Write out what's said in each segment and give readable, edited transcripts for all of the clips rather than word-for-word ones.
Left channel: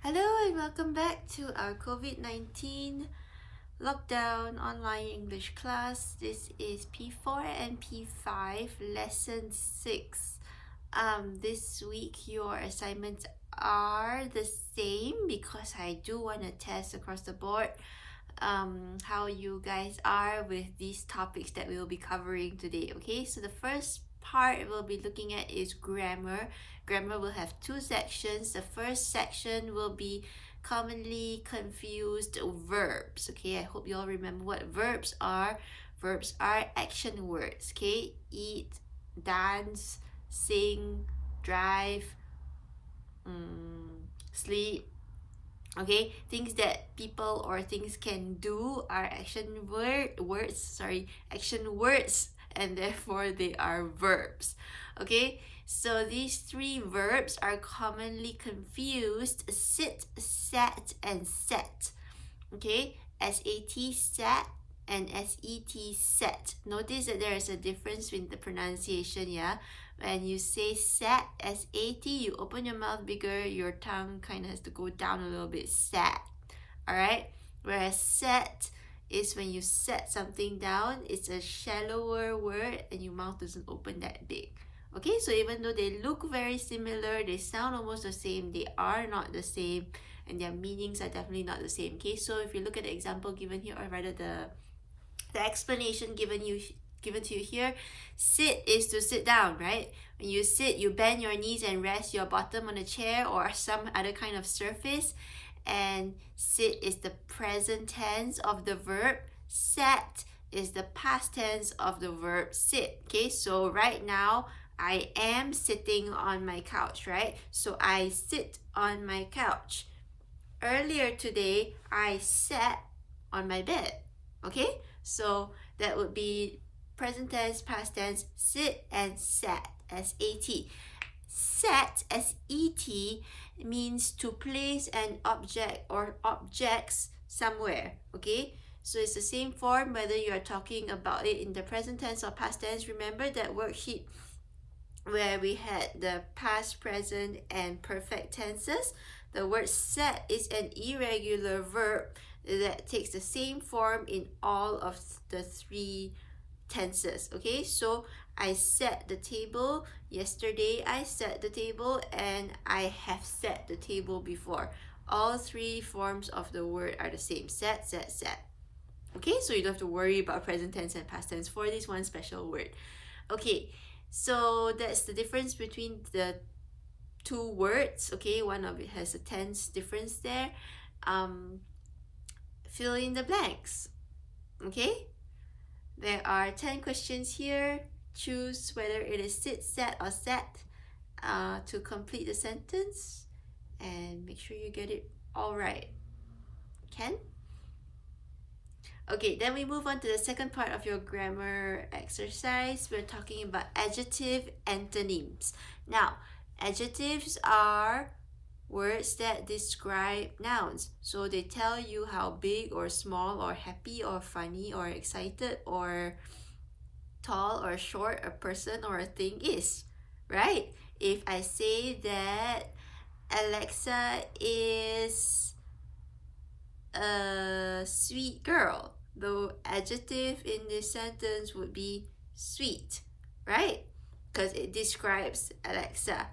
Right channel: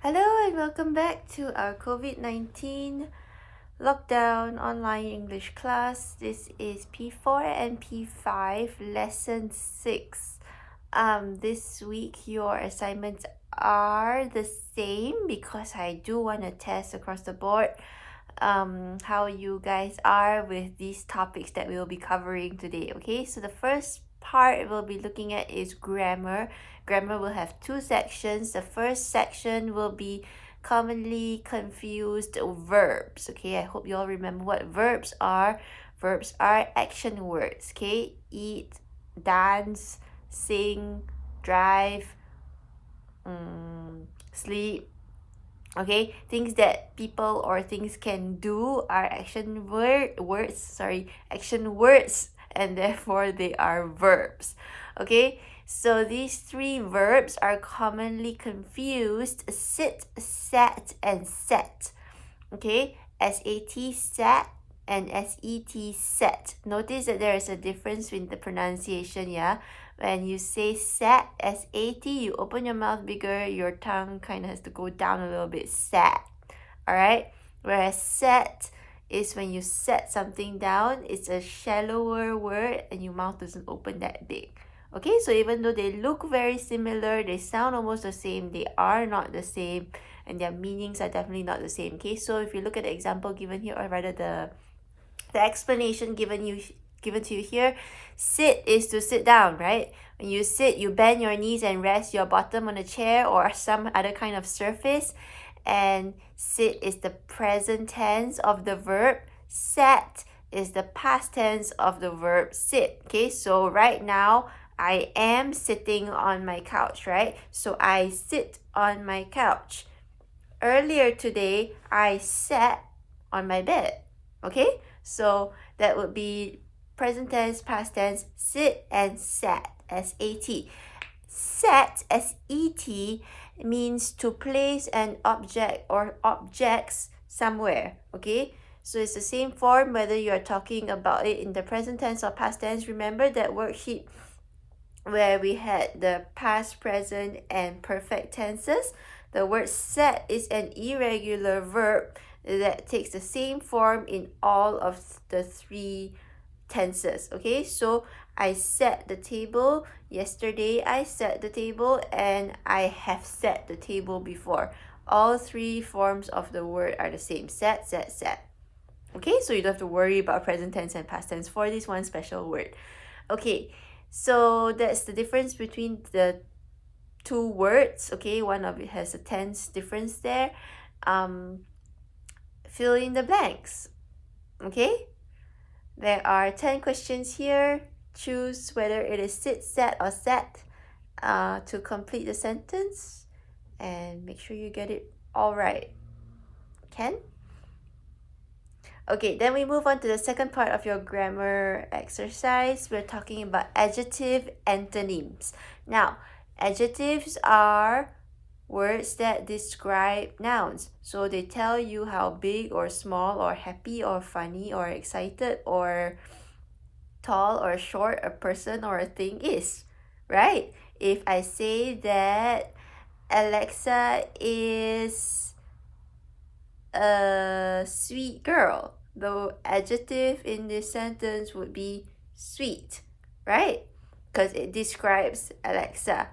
Hello and welcome back to our COVID-19 lockdown online English class. This is P4 and P5 lesson 6. This week your assignments are the same because I do want to test across the board how you guys are with these topics that we will be covering today. Okay, so the first part we'll be looking at is grammar. Grammar will have two sections. The first section will be commonly confused verbs. Okay, I hope you all remember what verbs are. Verbs are action words. Okay, eat, dance, sing, drive, sleep. Okay, things that people or things can do are action words, and therefore they are verbs. Okay, so these three verbs are commonly confused: sit, sat, and set. Okay, SAT, sat, and SET, set. Notice that there is a difference in the pronunciation, yeah? When you say sat, SAT, you open your mouth bigger, your tongue kind of has to go down a little bit, sat. Alright? Whereas set is when you set something down, it's a shallower word and your mouth doesn't open that big. Okay, so even though they look very similar, they sound almost the same, they are not the same, and their meanings are definitely not the same. Okay, so if you look at the example given here, or rather the explanation given to you here, sit is to sit down, right? When you sit, you bend your knees and rest your bottom on a chair or some other kind of surface. And sit is the present tense of the verb. Sat is the past tense of the verb sit. Okay, so right now I am sitting on my couch, right? So I sit on my couch. Earlier today, I sat on my bed. Okay, so that would be present tense, past tense, sit and sat, S-A-T. Set, S-E-T, means to place an object or objects somewhere. Okay, so it's the same form whether you're talking about it in the present tense or past tense. Remember that worksheet where we had the past, present, and perfect tenses? The word set is an irregular verb that takes the same form in all of the three tenses. Okay, so I set the table. Yesterday I set the table, and I have set the table before. All three forms of the word are the same: set, set, set. Okay, so you don't have to worry about present tense and past tense for this one special word. Okay, so that's the difference between the two words. Okay, one of it has a tense difference there. Fill in the blanks. Okay, there are 10 questions here. Choose whether it is sit, sat, or sat to complete the sentence, and make sure you get it all right. Ken? Okay, then we move on to the second part of your grammar exercise. We're talking about adjective antonyms. Now, adjectives are words that describe nouns. So they tell you how big or small or happy or funny or excited or tall or short a person or a thing is, right? If I say that Alexa is a sweet girl, the adjective in this sentence would be sweet, right? Because it describes Alexa.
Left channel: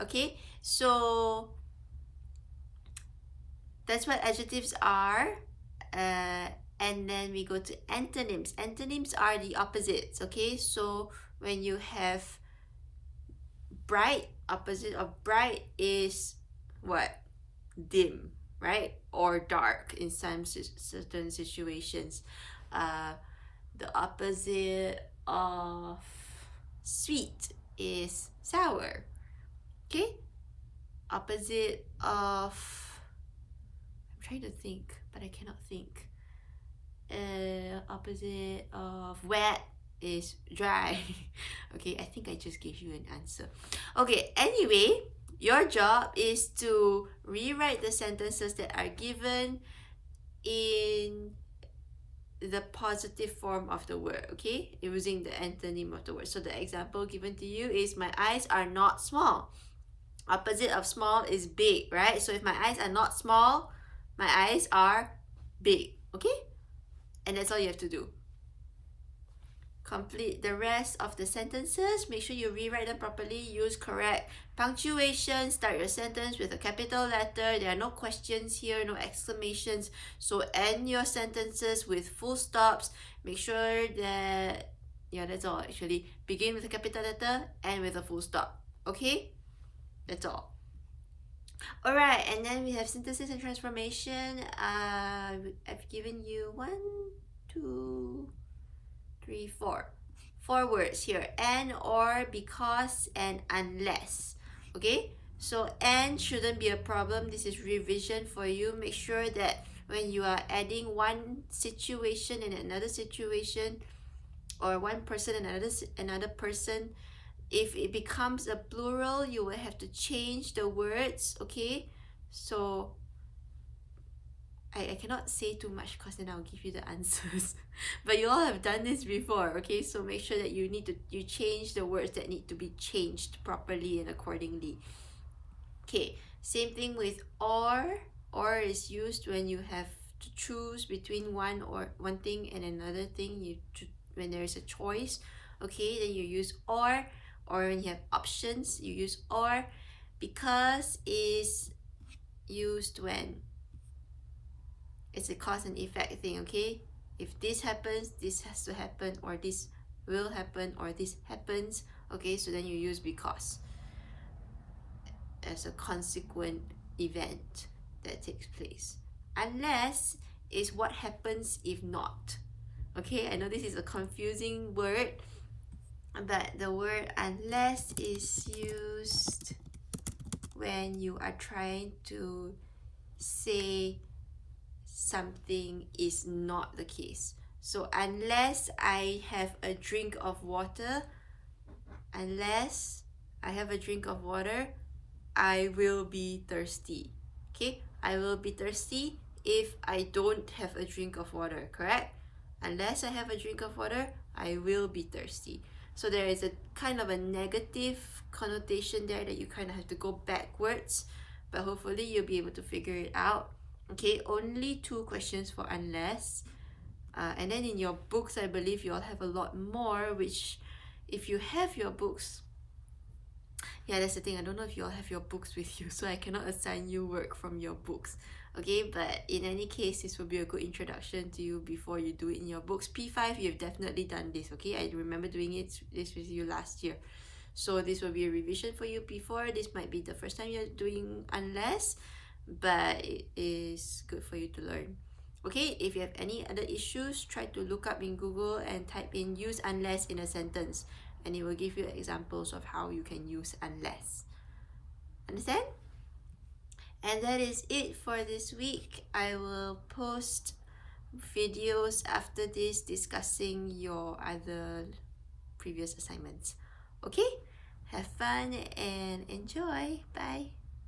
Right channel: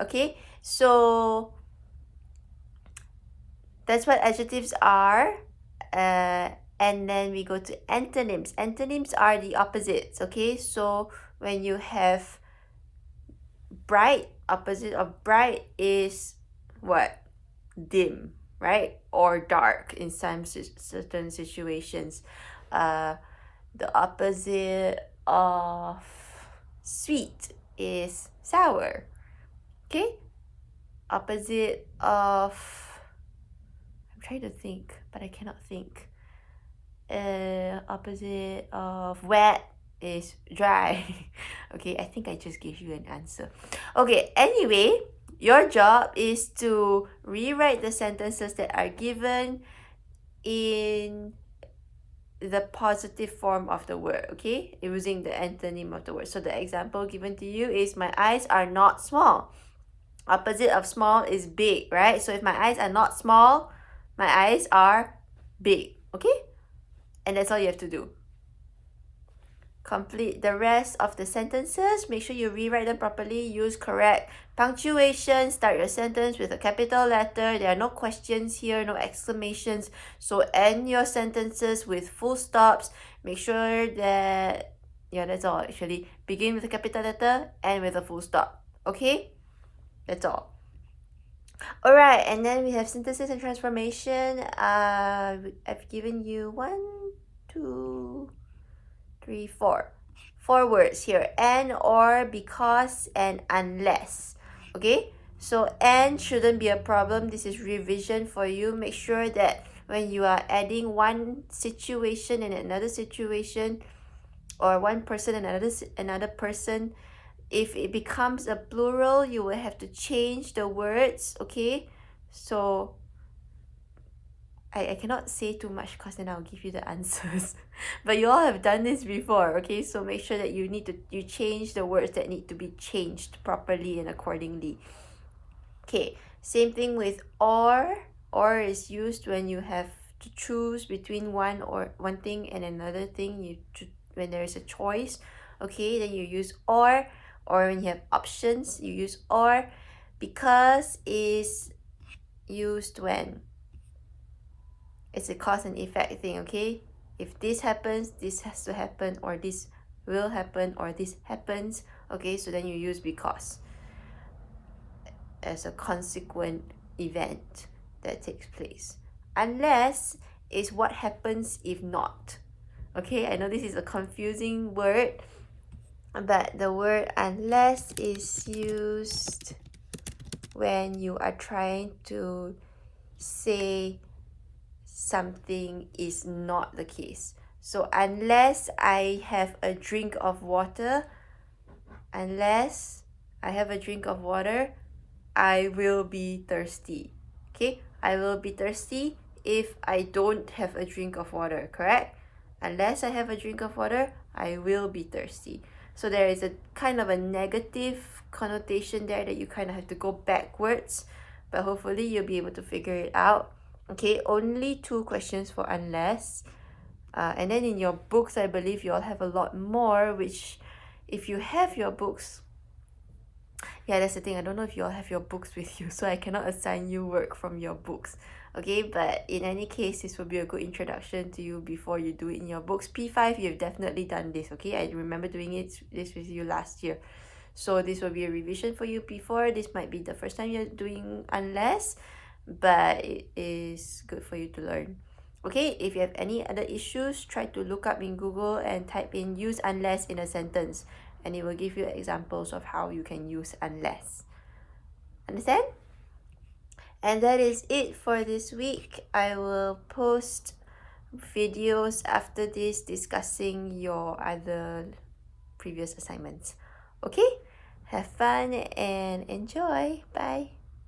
Okay, so that's what adjectives are. And then we go to antonyms. Antonyms are the opposites. Okay, so when you have bright, opposite of bright is what? Dim, right? Or dark in some certain situations. The opposite of sweet is sour. Okay, opposite of, I'm trying to think but I cannot think. Opposite of wet is dry. Okay, I think I just gave you an answer. Okay, anyway, your job is to rewrite the sentences that are given in the positive form of the word, okay, using the antonym of the word. So the example given to you is, my eyes are not small. Opposite of small is big, right? So if my eyes are not small, my eyes are big, okay? And that's all you have to do. Complete the rest of the sentences. Make sure you rewrite them properly. Use correct punctuation. Start your sentence with a capital letter. There are no questions here, no exclamations. So end your sentences with full stops. Make sure that, yeah, that's all actually. Begin with a capital letter, end with a full stop. Okay? That's all. Alright, and then we have synthesis and transformation. I've given you 1, 2, 3, 4. 4 words here. And, or, because, and unless. Okay? So and shouldn't be a problem. This is revision for you. Make sure that when you are adding one situation and another situation, or one person and another person, if it becomes a plural, you will have to change the words. Okay? So I cannot say too much because then I'll give you the answers. But you all have done this before, okay? So make sure that you change the words that need to be changed properly and accordingly. Okay, same thing with or. Or is used when you have to choose between one thing and another thing. When there is a choice, okay, then you use or. Or when you have options, you use or. Because is used when it's a cause and effect thing, okay? If this happens, this has to happen, or this will happen, or this happens, okay? So then you use because as a consequent event that takes place. Unless is what happens if not. Okay, I know this is a confusing word, but the word unless is used when you are trying to say something is not the case. So unless I have a drink of water, unless I have a drink of water, I will be thirsty. Okay, I will be thirsty if I don't have a drink of water, correct? Unless I have a drink of water, I will be thirsty. So there is a kind of a negative connotation there that you kind of have to go backwards, but hopefully you'll be able to figure it out. Okay, only 2 questions for unless. And then in your books, I believe you all have a lot more, which if you have your books, yeah, that's the thing. I don't know if you all have your books with you, so I cannot assign you work from your books. Okay, but in any case, this will be a good introduction to you before you do it in your books. P5, you've definitely done this, okay? I remember doing this with you last year. So this will be a revision for you. P4, this might be the first time you're doing unless, but it is good for you to learn. Okay, if you have any other issues, try to look up in Google and type in use unless in a sentence, and it will give you examples of how you can use unless. Understand? And that is it for this week. I will post videos after this discussing your other previous assignments. Okay? Have fun and enjoy. Bye.